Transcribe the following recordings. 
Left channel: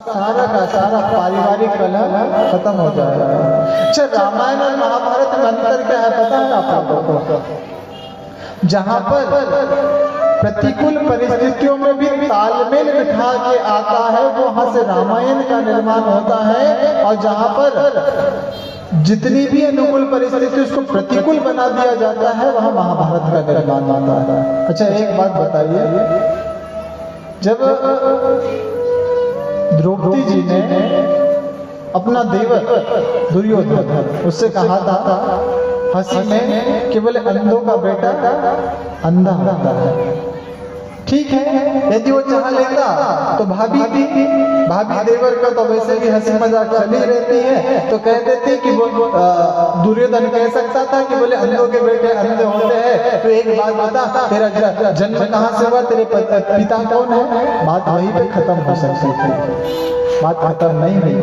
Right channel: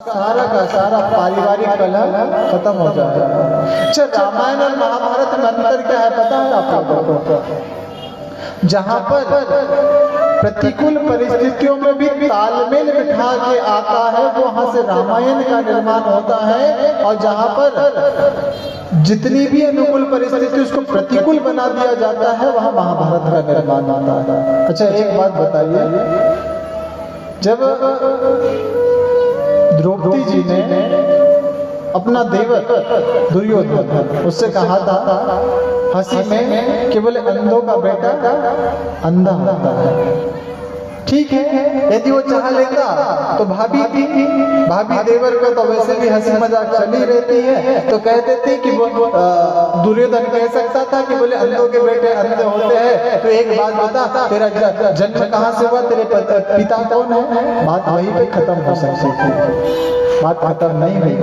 सारा का सारा पारिवारिक कलह खत्म हो जाएगा। अच्छा, रामायण और महाभारत में अंतर क्या है पता है आपको? जहां पर प्रतिकूल परिस्थितियों में भी तालमेल बिठा के आता है वहां से रामायण का निर्माण होता है, और जहां पर जितनी भी अनुकूल परिस्थिति उसको प्रतिकूल बना दिया जाता है वहां महाभारत का निर्माण होता है। अच्छा, एक बात बताइए, जब द्रौपदी जी ने अपना देवर दुर्योधन उससे कहा था हंसी में कि बोले अंधों का बेटा अंधा होता है, ठीक है, यदि वो चाह लेता तो भाभी देवर का तो वैसे भी हंसी मजाक चली रहती है, तो कह देती कि वो दुर्योधन कह सकता था कि बोले अंधों के बेटे अंधे होते हैं, तो एक बात बता, तेरा जन्म कहाँ से हुआ, तेरे पिता कौन है? बात वहीं पे खत्म हो सकती थी, बात खत्म नहीं हुई।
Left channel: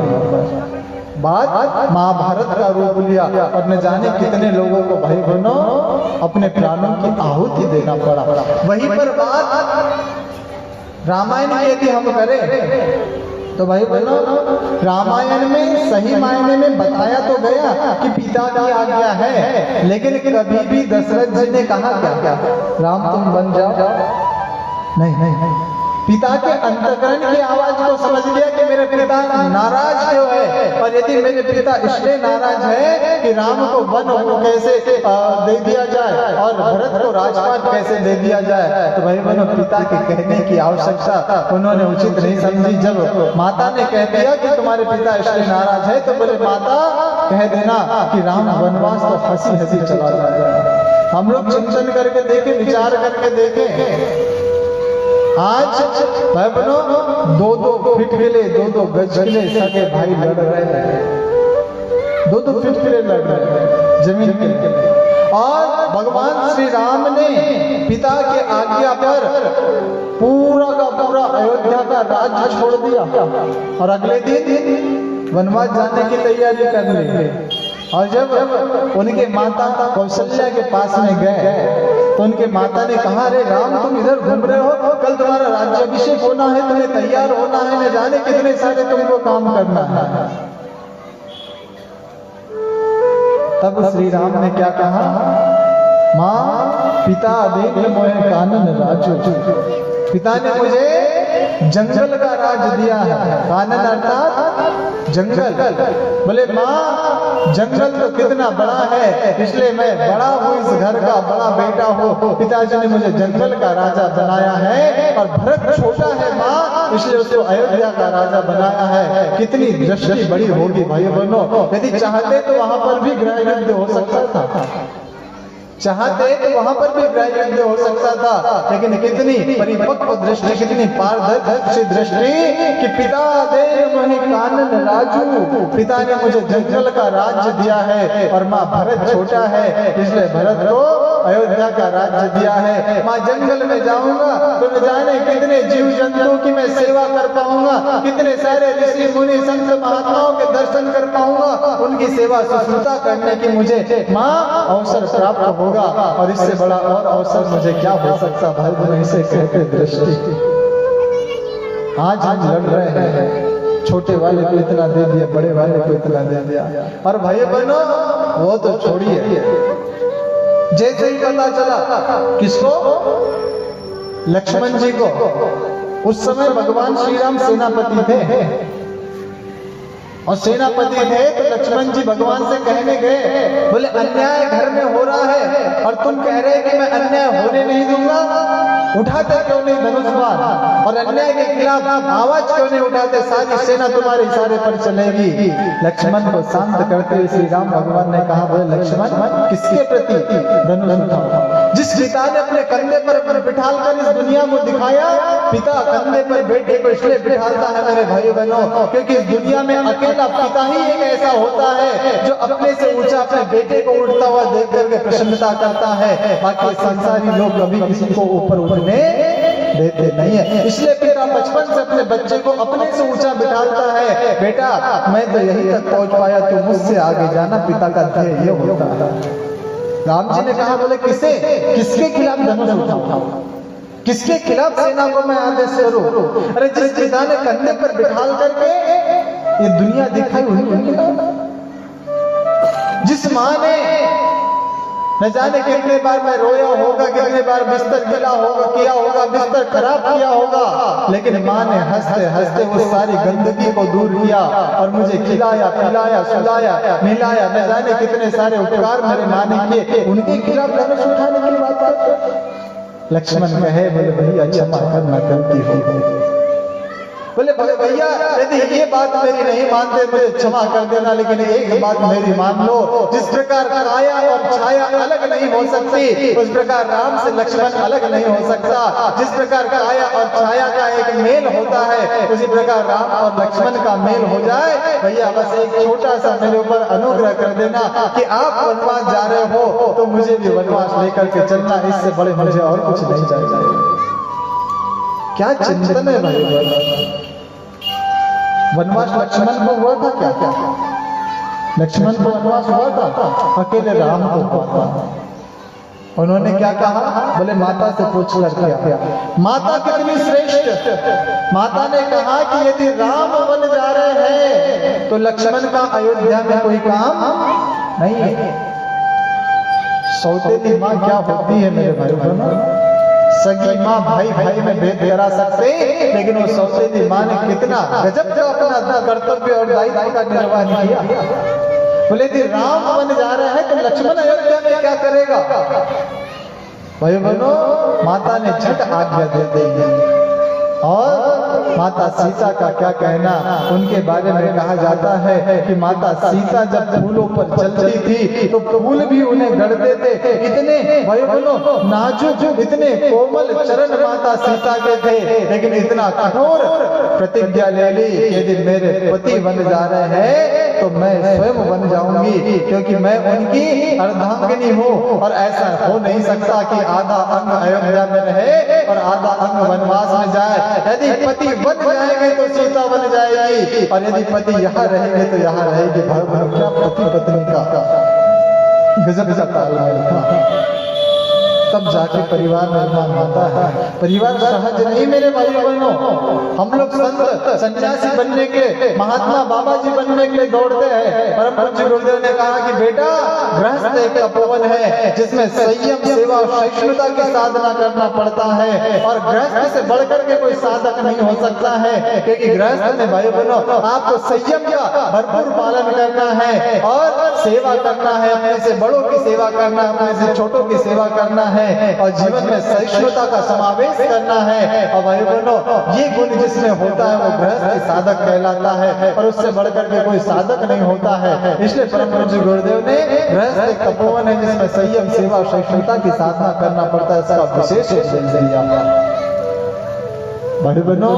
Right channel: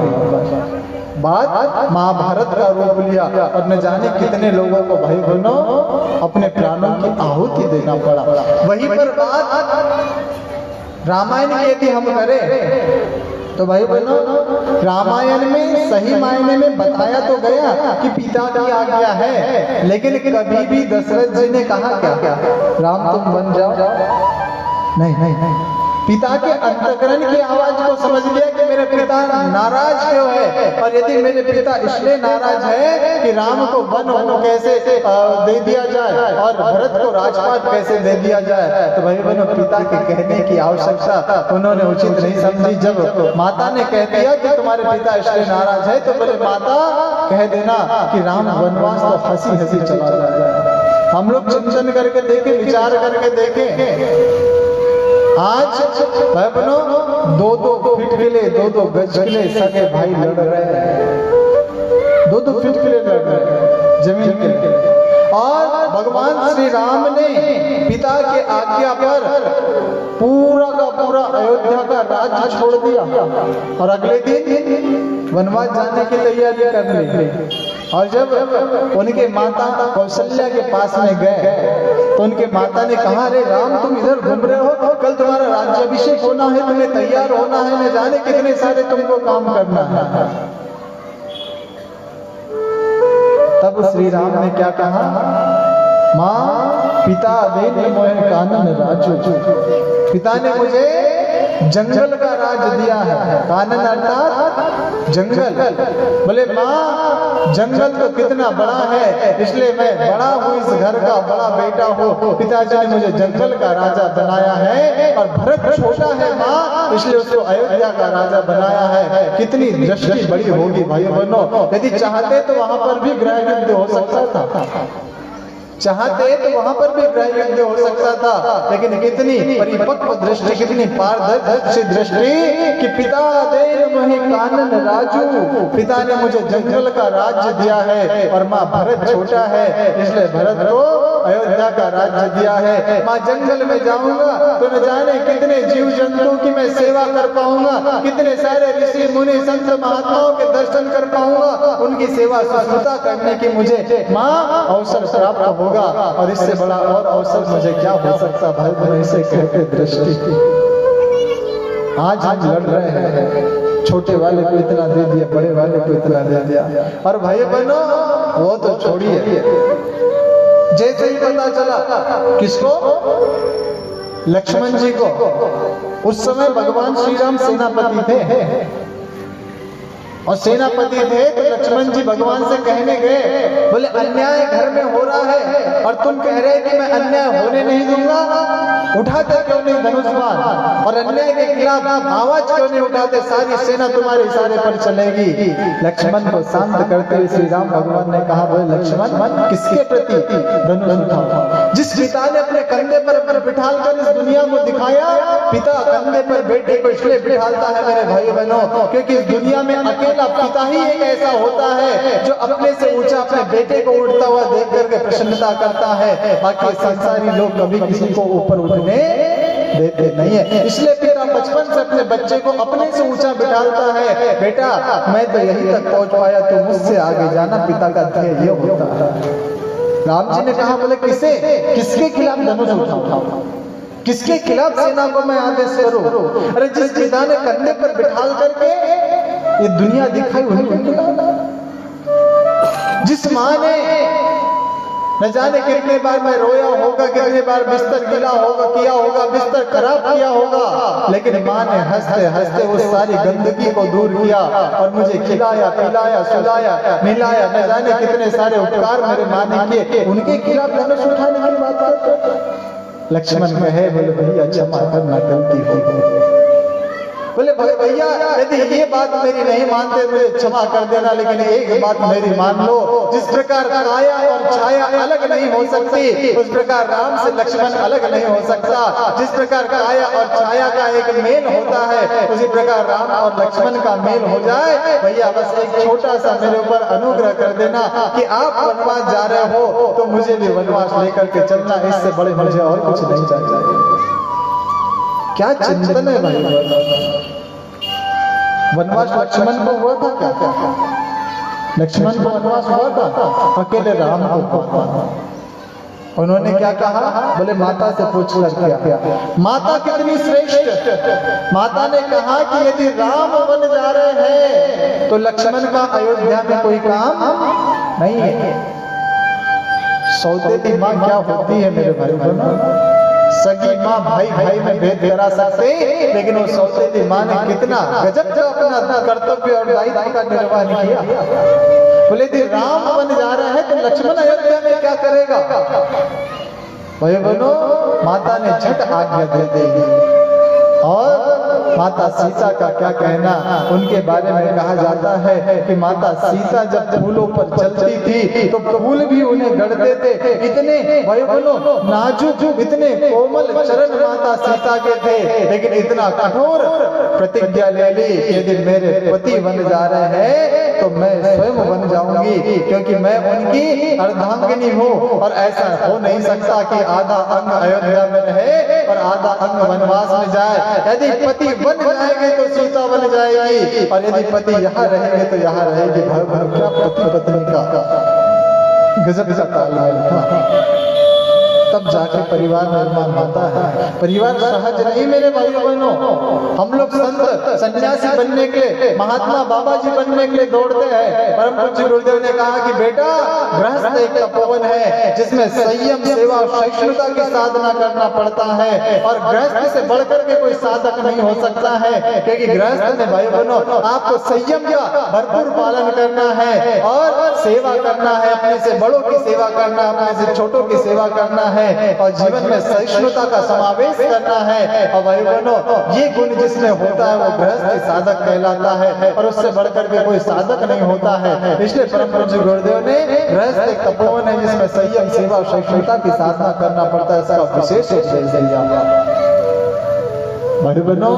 बात महाभारत का रूप लिया और न जाने कितने लोगों को भाई बहनों अपने प्राणों की आहुति देना पड़ा। वहीं पर बात रामायण की यदि हम करें तो भाई बहनों रामायण में सही मायने में बताया तो गया कि पिता की आज्ञा है, लेकिन कभी भी दशरथ जी ने कहा क्या राम तुम बन जाओ, नहीं, पिता के अंतःकरण की आवाज को समझ लिया कि मेरे पिता नाराज क्यों है, और यदि मेरे पिता इसलिए नाराज है कि राम को वन को कैसे दे दिया जाए और भरत को राजपाट कैसे दे दिया जाए, तो भाई बहनों पिता के कहने की आवश्यकता उन्होंने उचित नहीं समझी। जब माता ने कह दिया कि तुम्हारे पिता इसलिए नाराज है, तो बोले माता कह देना कि राम वनवास तो हंसी हंसी चला जाए। हम लोग चिंतन करके देखें, विचार करके देखें, आज भाई बहनों 2-2 फीट के लिए 2-2 गज के लिए सगे भाई लड़ रहे हैं, 2-2 फीट के लिए लड़ रहे हैं जमीन के लिए, और भगवान श्री राम ने पिता के आज्ञा पर पूरा का पूरा अयोध्या का राज्य छोड़ दिया और अगले दिन वनवास जाने की तैयारी कर ली। और जब उनके माता कौशल्या के पास में गए तो उनके माता ने कहा, अरे राम तुम इधर घूम रहे हो, कल तुम्हारा राज्याभिषेक होना है, तुम्हें तैयार होना है, न जाने कितने सारे तुमको काम करना है। तब श्री राम ने क्या कहा, माँ पिता दे मोहे कानन राजो, पिता ने मुझे जंगल का राज दिया है। कानन अर्थात जंगल। बोले माँ जंगल तो कितना बड़ा है, इसलिए मैं बड़ा हूँ, इस घर का बड़ा बेटा हूँ, पिताजी ने मुझे जंगल का राजा बनाया है, और भरत छोटा है माँ, इसलिए उसको अयोध्या का राजा बनाया है। कितनी दृष्टि बड़ी होगी भाई बहनों, यदि चाहते तो वहां पर भी गृह युद्ध हो सकता था, चाहते तो वहां पर भी गृह युद्ध हो सकता था, लेकिन कितनी परिपक्व दृष्टि, कितनी पारदर्शी दृष्टि कि पिता दे मोहे कानन राजू, पिता ने मुझे जंगल का राज्य दिया है, और माँ भरत छोटा है इसलिए भरत को अयोध्या का राज्य दिया है। माँ जंगल में जाऊंगा तो न जाने कितने जीव जंतु की मैं सेवा कर पाऊंगा, कितने सारे ऋषि मुनि संत महात्माओं के दर्शन कर पाऊंगा, उनकी सेवा शुश्रूषा करने की मुझे माँ अवसर प्राप्त होगा, और इससे बड़ा और अवसर मुझे क्या हो सकता। भाई बहनों इसे कहते दृष्टि। आज हम लड़ रहे हैं, छोटे वाले को इतना दे दिया, बड़े वाले को इतना दे दिया, और भाई बहनों वो तो छोड़िए, जैसे ही पता चला किसको, लक्ष्मण जी को, उस समय भगवान श्री राम सेनापति थे, और सेनापति थे तो लक्ष्मण जी भगवान से कहने गए, बोले अन्याय घर में हो रहा है और तुम कह रहे हैं कि मैं अन्याय होने नहीं दूंगा, उठाते क्यों नहीं धनुष बाण, और अन्याय के खिलाफ आवाज क्यों नहीं उठाते, सारी सेना तुम्हारे इशारे पर चलेगी। लक्ष्मण को शांत करते हुए श्री राम भगवान ने कहा, बोले लक्ष्मण किसके प्रति धनुष उठाओ, जिस पिता ने अपने कंधे पर बिठाल कर इस दुनिया को दिखाया, पिता कंधे पर बेटे को इसलिए बिठाता है मेरे भाई बहनों, क्योंकि इस दुनिया में अकेला पिता ही एक ऐसा होता है जो अपने से ऊंचा अपने बेटे को उड़ता हुआ देख करके प्रसन्नता करता है, बाकी संसारी लोग कभी किसी को ऊपर उठने देते नहीं है। इसलिए पिता बचपन से अपने बच्चे को अपने से ऊंचा बिठाता है, बेटा मैं तो यहीं तक पहुंच पाया, तू मुझसे आगे जाना, पिता का ध्येय ये होता है। राम जी ने कहा, बोले किसके खिलाफ धनुष उठाओ, किसके खिलाफ सेना को मैं आदेश करूं? अरे जिस पिता ने कंधे पर बिठाल करके ये दुनिया दिखाई उन्हीं को खिलाफ। जिस माँ ने न जाने कितने बार मैं रोया होगा, कितने बार बिस्तर गिला होगा, किया होगा, बिस्तर खराब किया होगा, लेकिन माँ ने हंसते हंसते वो सारी गंदगी को दूर किया और मुझे खिलाया, पिलाया, सुलाया, मिलाया। न जाने कितने सारे उपकार मेरे माँ ने किए, उनके खिलाफ धनुष उठाने की बात करते। लक्ष्मण कहे, बोले भैया क्षमा करना, गलती हो गई। बोले भैया यदि ये बात मेरी नहीं मानते मुझे क्षमा कर देना, लेकिन एक बात मेरी मान लो, जिस प्रकार काया और छाया अलग नहीं हो सकती, उस प्रकार राम से लक्ष्मण अलग नहीं हो सकता। जिस प्रकार काया और छाया का एक मेल होता है, उसी प्रकार राम और लक्ष्मण का मेल हो जाए। भैया बस एक छोटा सा मेरे ऊपर अनुग्रह कर देना कि आप वनवास जा रहे हो तो मुझे भी वनवास लेकर के चलना, इससे बड़े मुझे और कुछ नहीं चाहिए। क्या चिंतन है भाई? वनवास लक्ष्मण को हुआ था क्या? लक्ष्मण को वनवास हुआ था, अकेले राम को हुआ था। उन्होंने क्या कहा? बोले माता से पूछ कर क्या? माता कितनी श्रेष्ठ। माता ने कहा कि यदि राम वन जा रहे हैं तो लक्ष्मण का अयोध्या में कोई काम नहीं है। सौतेली माँ क्या होती है मेरे भाई बहनों? सगी माँ भाई भाई में भेद करा सकते, लेकिन वो सौतेली माँ ने कितना गजब का अपना कर्तव्य और दायित्व का निर्वाह किया। बोले यदि राम वन जा रहे हैं तो लक्ष्मण अयोध्या में क्या करेगा? भाई बहनों, माता ने झट आज्ञा दे दी। और माता सीता का क्या कहना, उनके बारे में कहा जाता है कि माता सीता जब फूलों पर चलती थी तो फूल भी उन्हें गढ़ते थे। इतने भाइयों नाजुक, इतने कोमल चरण माता सीता के थे, लेकिन इतना कठोर प्रतिज्ञा ले ली, यदि मेरे पति बन जा रहे हैं तो मैं स्वयं बन जाऊंगी, क्योंकि मैं उनकी अर्धांगिनी हूँ। और ऐसा हो नहीं सकता कि आधा अंग अयोध्या में रहे और आधा अंग वनवास में जाए। यदि पति बन जाएंगे तो सीता बन जाएगी, और यदि पति यहाँ रहेंगे तो यहाँ रहेगी। क्या पति पत्नी का गजब का तालमेल था। तब जाके परिवार निर्माण होता है। परिवार सहज नहीं मेरे भाइयों बहनों। हम लोग संत सन्यासी बनने के लिए, महात्मा बाबा जी बनने के लिए दौड़ते हैं। परम पूज्य गुरुदेव ने कहा कि बेटा गृहस्थ एक तपोवन है जिसमें संयम, सेवा और सहिष्णुता की साधना करना पड़ता है, और गृहस्थ से बढ़कर के कोई साधक नहीं हो सकता है। क्योंकि गृहस्थ में भाई बहनों आपको संयम का भरपूर पालन करना है और सेवा करना है, अपने से बड़ों की सेवा करना, अपने से छोटों की सेवा करना है, और जीवन में सहिष्णुता का समावेश करना है। और भाई बहनों ये गुण जिसमें होता है वो गृहस्थ साधक कहलाता है, और उससे बढ़कर के कोई साधक नहीं होता है। इसलिए परम पूज्य गुरुदेव ने गृहस्थ एक तपोवन है जिसमें संयम, सेवा और सहिष्णुता की साधना करना पड़ता है, इसका विशेष उपदेश दिया। भाई बहनों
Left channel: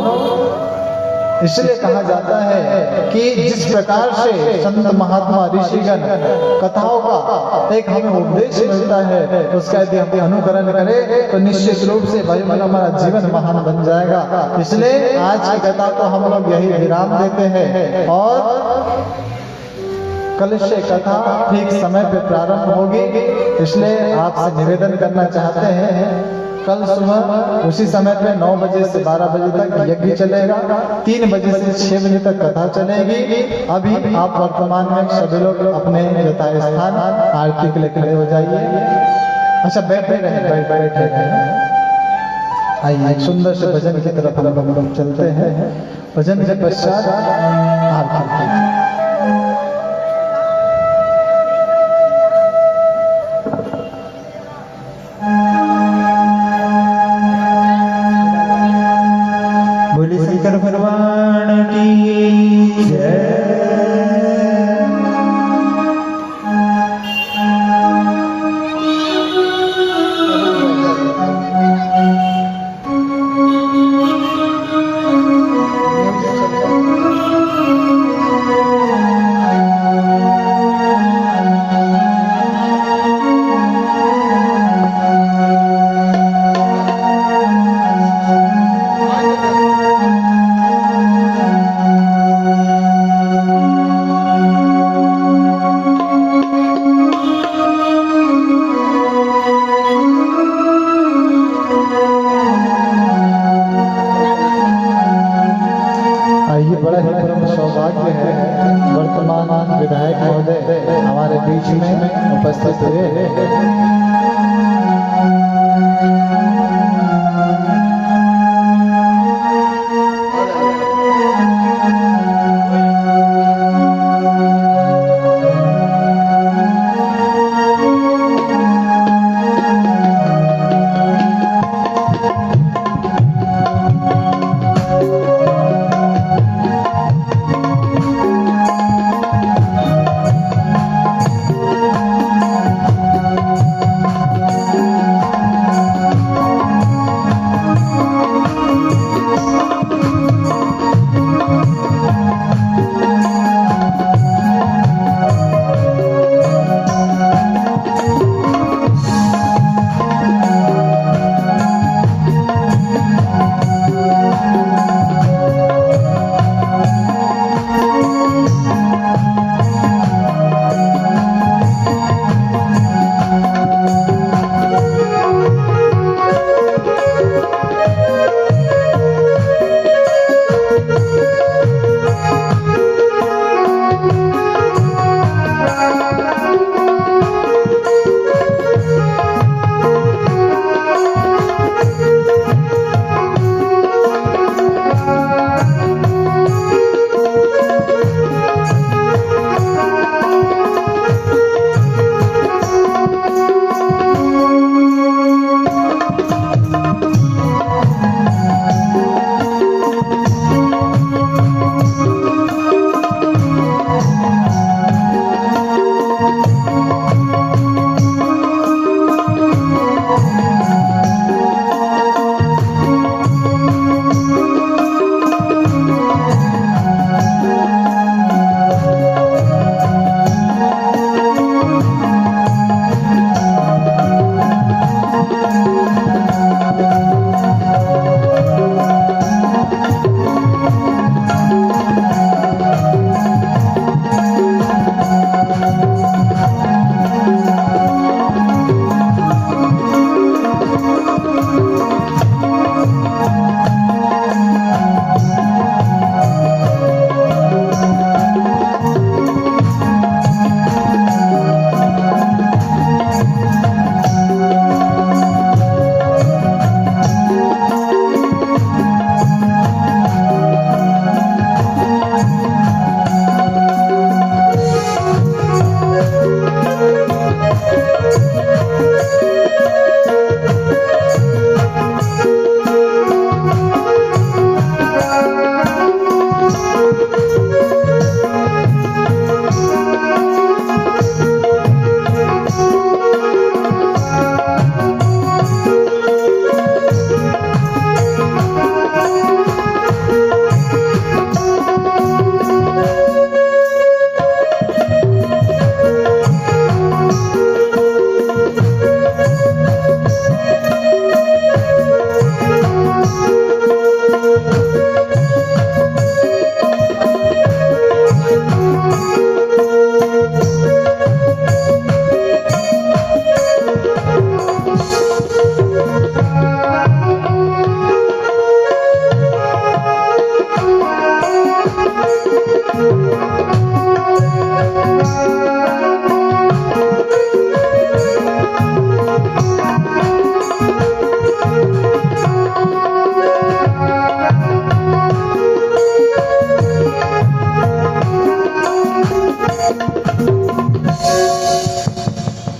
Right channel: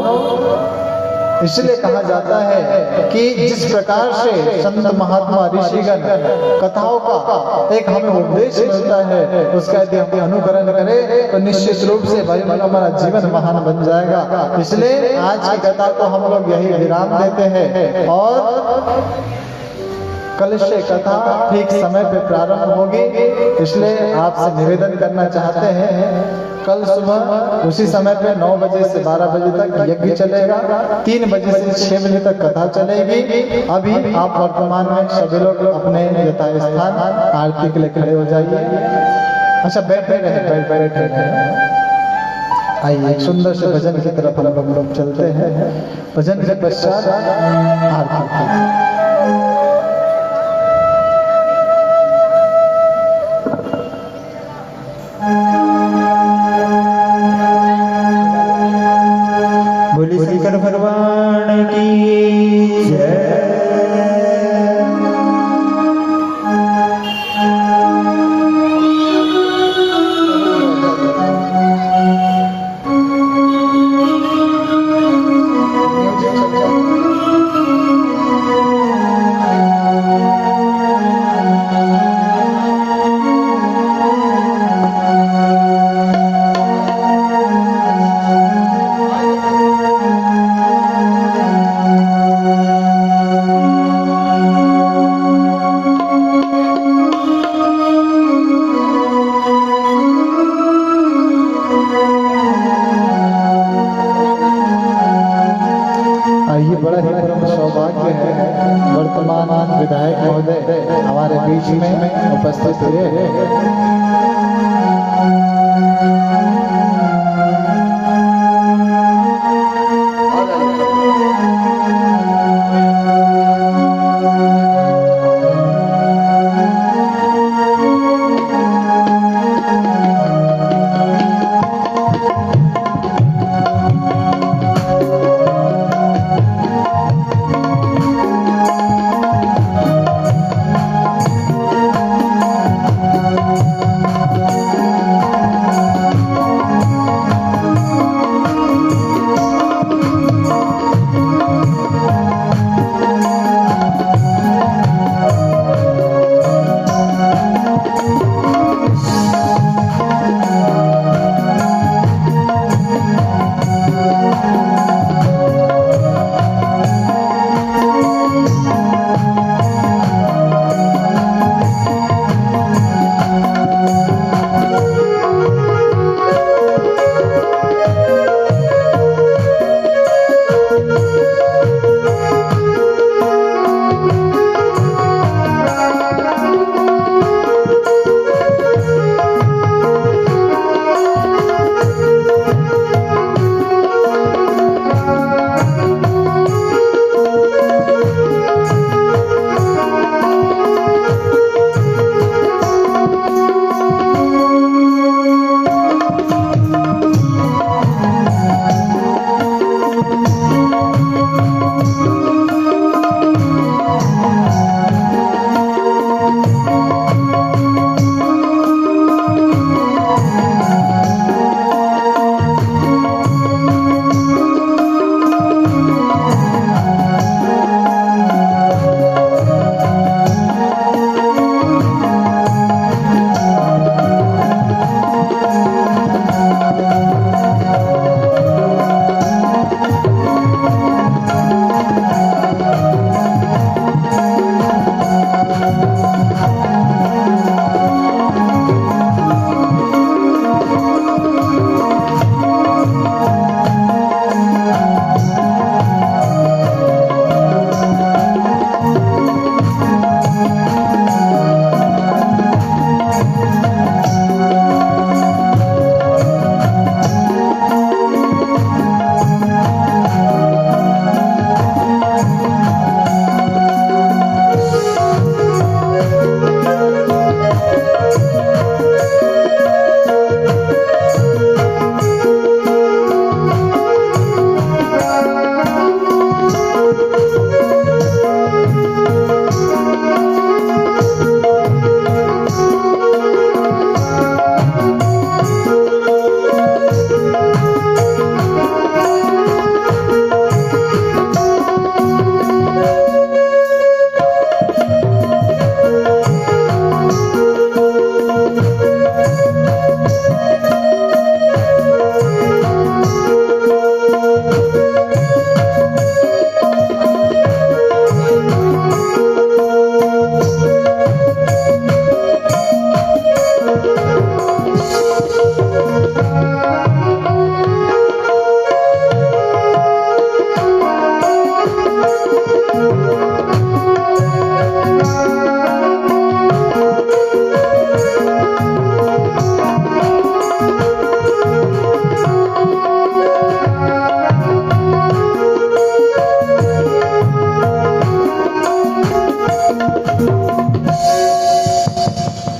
इसलिए कहा जाता है कि जिस प्रकार से संत महात्मा ऋषिगण कथाओं का एक हमें उपदेश मिलता है, उसका यदि हम अनुकरण करें तो निश्चित रूप से भाई हमारा जीवन महान बन जाएगा। इसलिए आज की कथा को हम लोग यही विराम देते हैं, और कल से कथा ठीक समय पे प्रारंभ होगी। इसलिए आपसे निवेदन करना चाहते हैं, कल सुबह उसी समय पे 9 बजे से 12 बजे तक यज्ञ चलेगा, 3 बजे से 6 बजे तक कथा चलेगी। अभी आप वर्तमान में सभी लोग अपने यथास्थान स्थान आरती के लिए खड़े हो जाइए। अच्छा बैठे रहे। आइए एक सुंदर से भजन की तरफ हम लोग चलते हैं। भजन के पश्चात आरती। बोली शंकर भगवान की जय। सौभाग्य है वर्तमान विधायक महोदय हमारे बीच में उपस्थित हुए।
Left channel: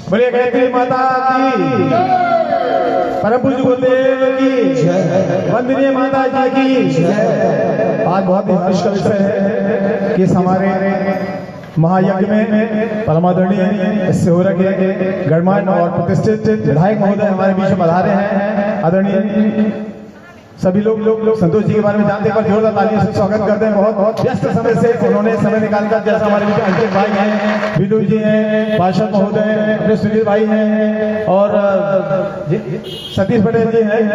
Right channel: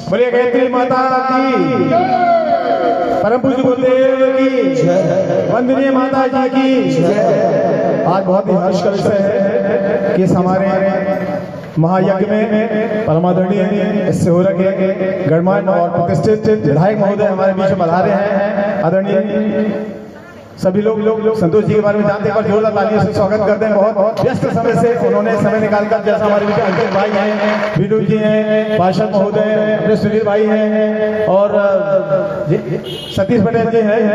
बोलिए गायत्री माता की, परम पूज्य गुरुदेव की, वंदनीय माता जी की जय। आज बहुत ही हर्ष का विषय है कि इस हमारे महायज्ञ में परमादरणीय सेवरक गणमान्य और प्रतिष्ठित विधायक महोदय हमारे बीच में पधारे हैं। आदरणीय सभी लोग संतोष जी के बारे में जानते हैं, पर जोरदार तालियों से स्वागत करते हैं। बहुत व्यस्त समय से उन्होंने समय निकालकर, जैसे हमारे बीच अंकित भाई हैं, विनोद जी हैं, पार्षद महोदय अपने सुनील भाई हैं और सतीश पटेल जी हैं,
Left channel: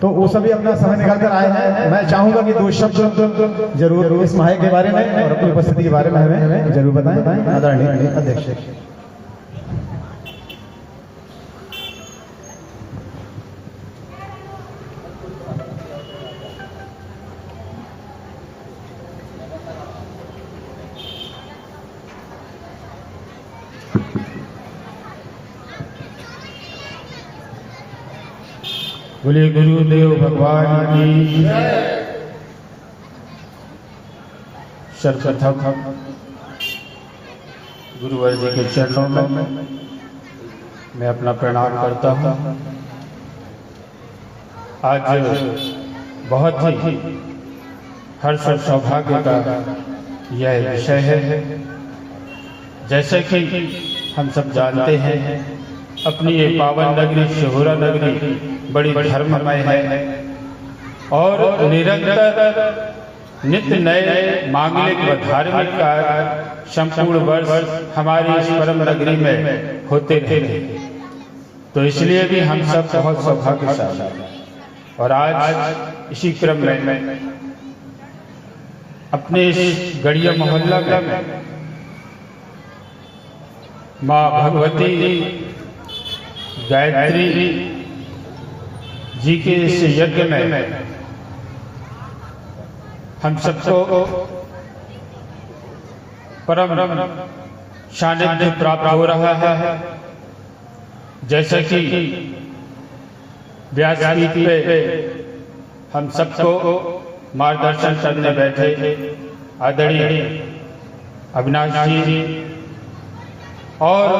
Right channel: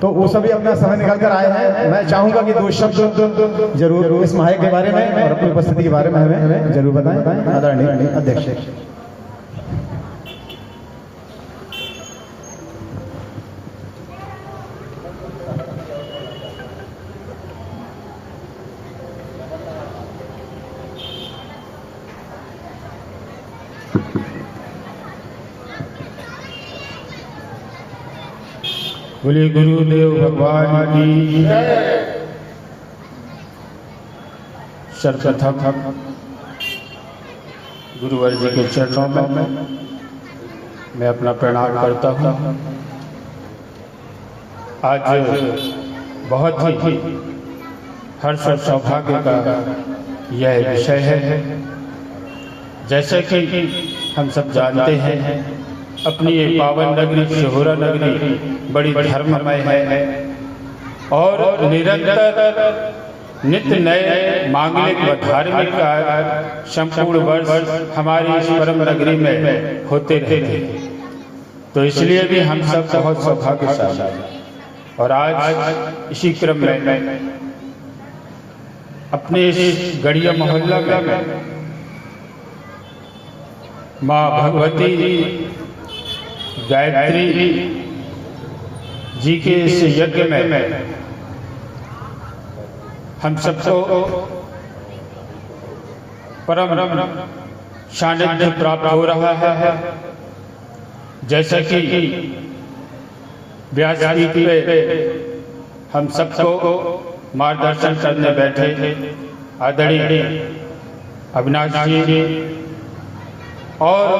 तो वो सभी अपना समय निकाल कर आए हैं। मैं चाहूंगा कि दो शब्द जरूर इस महायज्ञ के बारे में और अपनी उपस्थिति के बारे में हमें जरूर बताएं। आदरणीय अध्यक्ष। बोलिए गुरुदेव भगवान की सर्वप्रथम गुरुवर जी के चरणों में मैं अपना प्रणाम करता हूँ। आज बहुत ही हर्ष और सौभाग्य का यह विषय है। जैसे कि हम सब जानते हैं, अपनी ये पावन नगरी शिहोरा नगरी बड़ी धर्ममय है और निरंतर नित्य नए मांगलिक व धार्मिक कार्य संपूर्ण वर्ष हमारी इस परम नगरी में होते रहते हैं। तो इसलिए भी हम सब बहुत सौभाग्यशाली हैं। और आज इसी क्रम में अपने इस गढ़िया मोहल्ला में माँ भगवती गायत्री जी के इस यज्ञ में हम सबको परम सानिध्य प्राप्त हो रहा है। जैसा कि व्यासपीठ पे हम सबको मार्गदर्शन करने बैठे आदरणीय अविनाश जी, और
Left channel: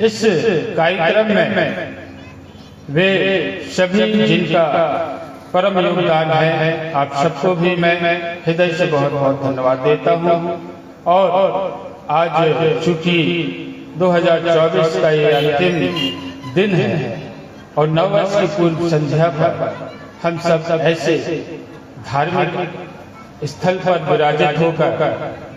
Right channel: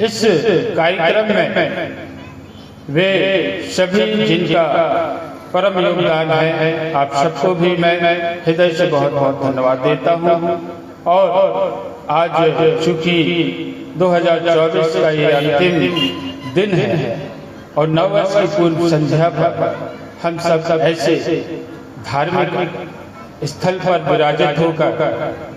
इस कार्यक्रम में वे सभी जिनका परम योगदान है, आप सबको भी मैं हृदय से बहुत बहुत धन्यवाद देता हूँ। और आज चूंकि 2024 का ये अंतिम दिन है और नववर्ष की पूर्व संध्या पर हम सब ऐसे धार्मिक स्थल पर विराजित होकर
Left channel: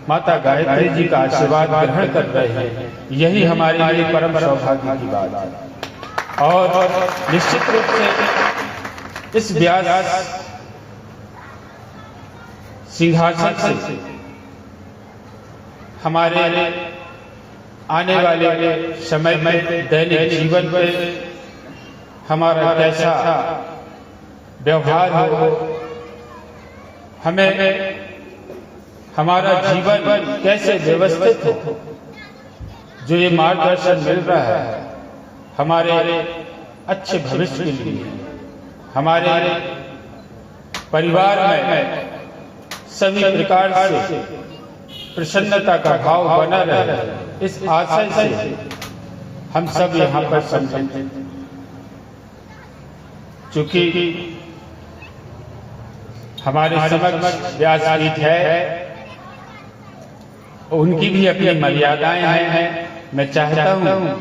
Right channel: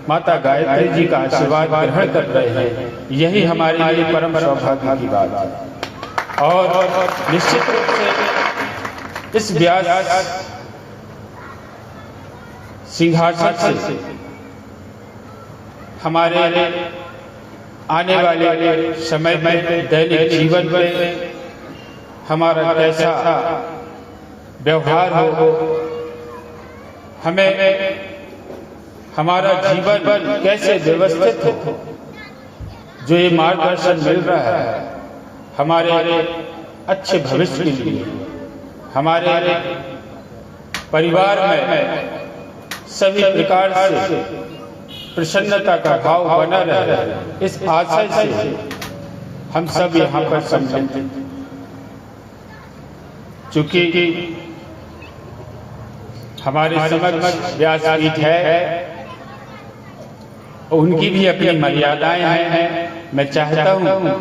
माता गायत्री जी का आशीर्वाद ग्रहण कर रहे हैं, यही हमारे लिए परम सौभाग्य की बात है। और निश्चित रूप से इस व्यास सिंहासन से हमारे आने वाले समय में दैनिक जीवन में हमारा कैसा व्यवहार हो, हमें हमारा जीवन कैसे व्यवस्थित हो, जो ये मार्गदर्शन मिल रहा है हमारे अच्छे भविष्य के लिए, हमारे परिवार में सभी प्रकार से प्रसन्नता का भाव बना रहे, इस आशय से हम सब यहाँ पर सम्मिलित हैं। चूंकि हमारे समक्ष व्यासपीठ है, उनकी भी अपनी मर्यादाएं हैं। मैं चाहता हूँ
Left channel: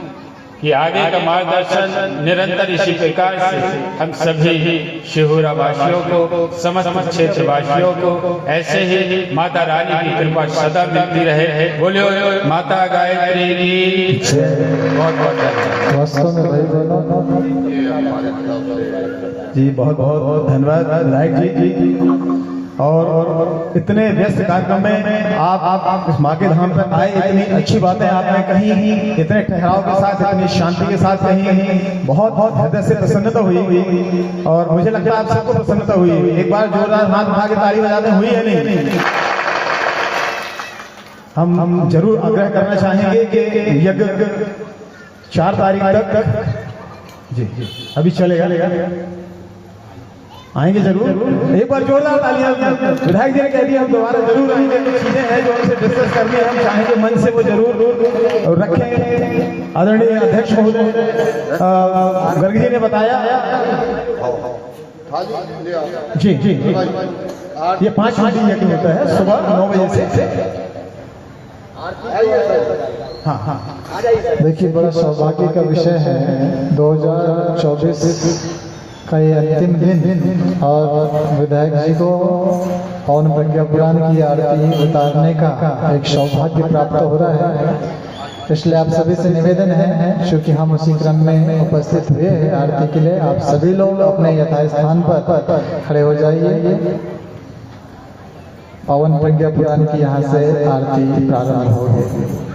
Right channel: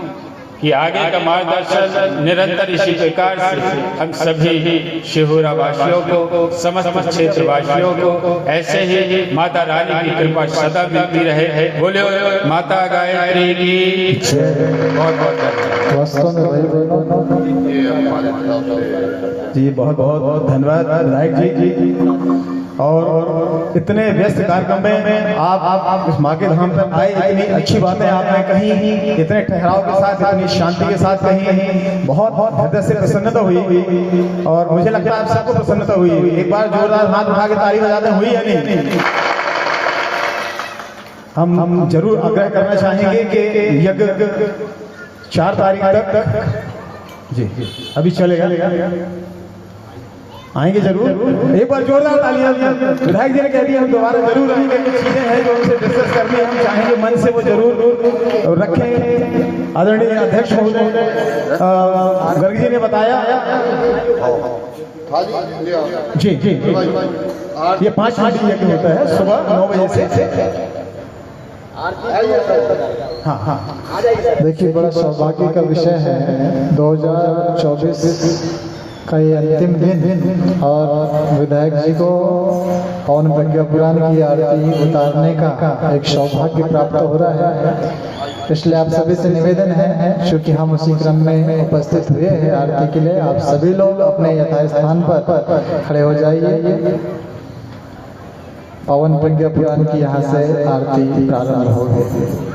कि आगे का मार्गदर्शन निरंतर इसी प्रकार से हम सभी शिहोरा वासियों को, समस्त क्षेत्र वासियों को ऐसे ही माता रानी की कृपा सदा मिलती रहे। बोले माता गायत्री की बहुत जी, बहुत बहुत धन्यवाद विधायक जी। और इतने व्यस्त कार्यक्रम में आप इस माँ के धाम पर आए, इतनी अच्छी बातें आपने कही, इतने ठहराव के साथ, इतनी शांति के साथ कही, बहुत बहुत हृदय से प्रसन्नता हुई। और मुझे लगता है आप सबको प्रसन्नता हुई। एक बार जोरदार हाथ उठा के ताली बजाते हुई है नहीं? हम जरूर आग्रह करना चाहेंगे कि यज्ञ 4 तारीख तक जी अभी चलेगा, आएंगे जरूर। एक बार जोरदार तालियां। विधायक जी ने कह दिया हम दोबारा जरूर आएंगे। कुछ चीजें हैं जो उनसे डिस्कस करनी है, हम चाहेंगे मन से वो जरूर रखें। आदरणीय अध्यक्ष महोदय गर्ग जी ने बताया जी जी ये 5 मिनट यज्ञ होता है सुबह 9 बजे से। हाँ हाँ, देखिए बड़ा सौभाग्य का विषय है 2024 का ये अंतिम दिन, और विधायक जी को पवन प्रज्ञा पुराण की आरती उतारने का एक सौभाग्य प्राप्त हो रहा है। इसलिए आप सभी से निवेदन है, चूंकि हम उसी क्रम में उपस्थित हुए हैं आरती के लिए, आप सभी लोग अपने यथास्थान पर खड़े हो जाइए। पवन प्रज्ञा पुराण की यहाँ से आरती प्रारंभ होगी।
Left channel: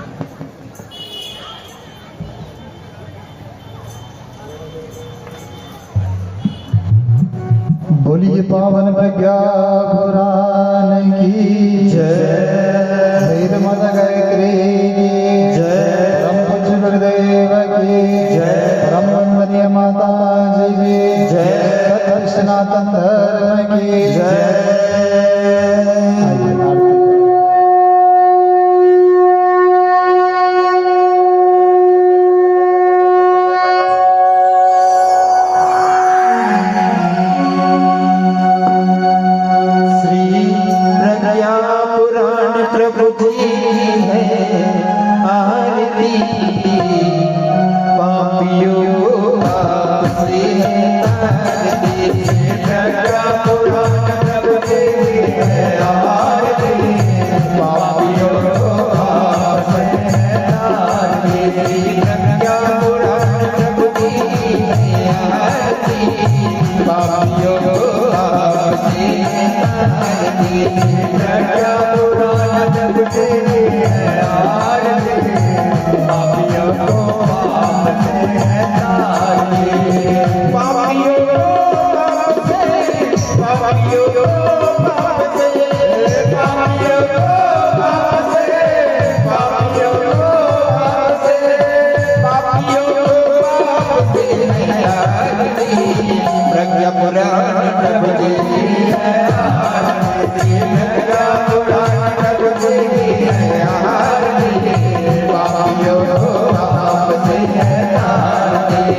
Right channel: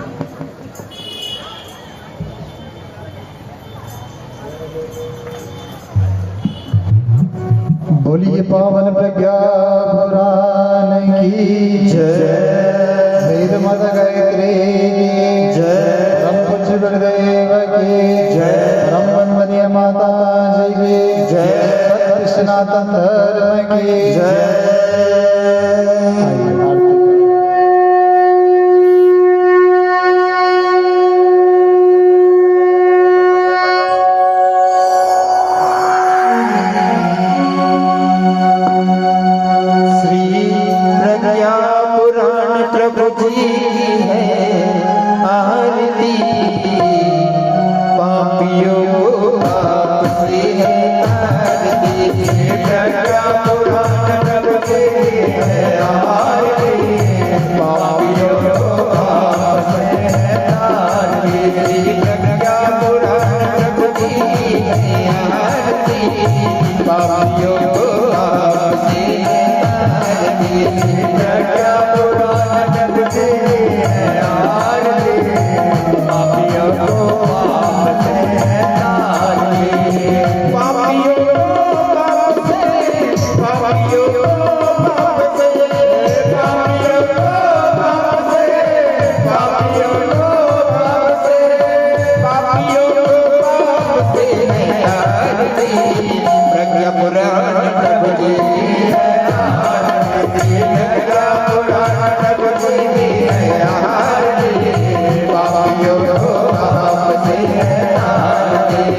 बोलिए पवन प्रज्ञा पुराण की जय, वेद माता गायत्री की जय, प्रभु जी है आरती, पापियों को आपसे है आरती, प्रज्ञा पुराण प्रभु जी है आरती, पापियों को आपसे है आरती, प्रज्ञा पुराण प्रभु जी है आरती, पापियों को आपसे है आरती, प्रज्ञा पुराण प्रभु जी है आरती, पापियों को आपसे है आरती, पापियों को आपसे, पापियों को आपसे, पापियों को आपसे, पापियों को आपसे, पापियों को आपसे है आरती, प्रज्ञा पुराण प्रभु जी है आरती, प्रज्ञा पुराण प्रभु जी है आरती, पापियों को आपसे है आरती।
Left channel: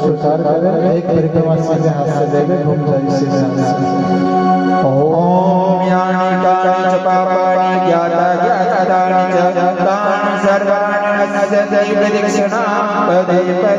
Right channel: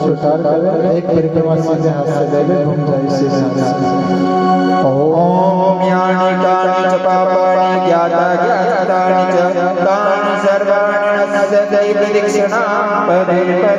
स्वीकार करें, एक परिक्रमा सीधे हाथ से ले ले, घूम जाए सीधे हाथ से। ओम यानि कानि च पापानि ज्ञाता ज्ञातानि च तानि सर्वाणि नश्यन्ति प्रदक्षिणां पदे पदे।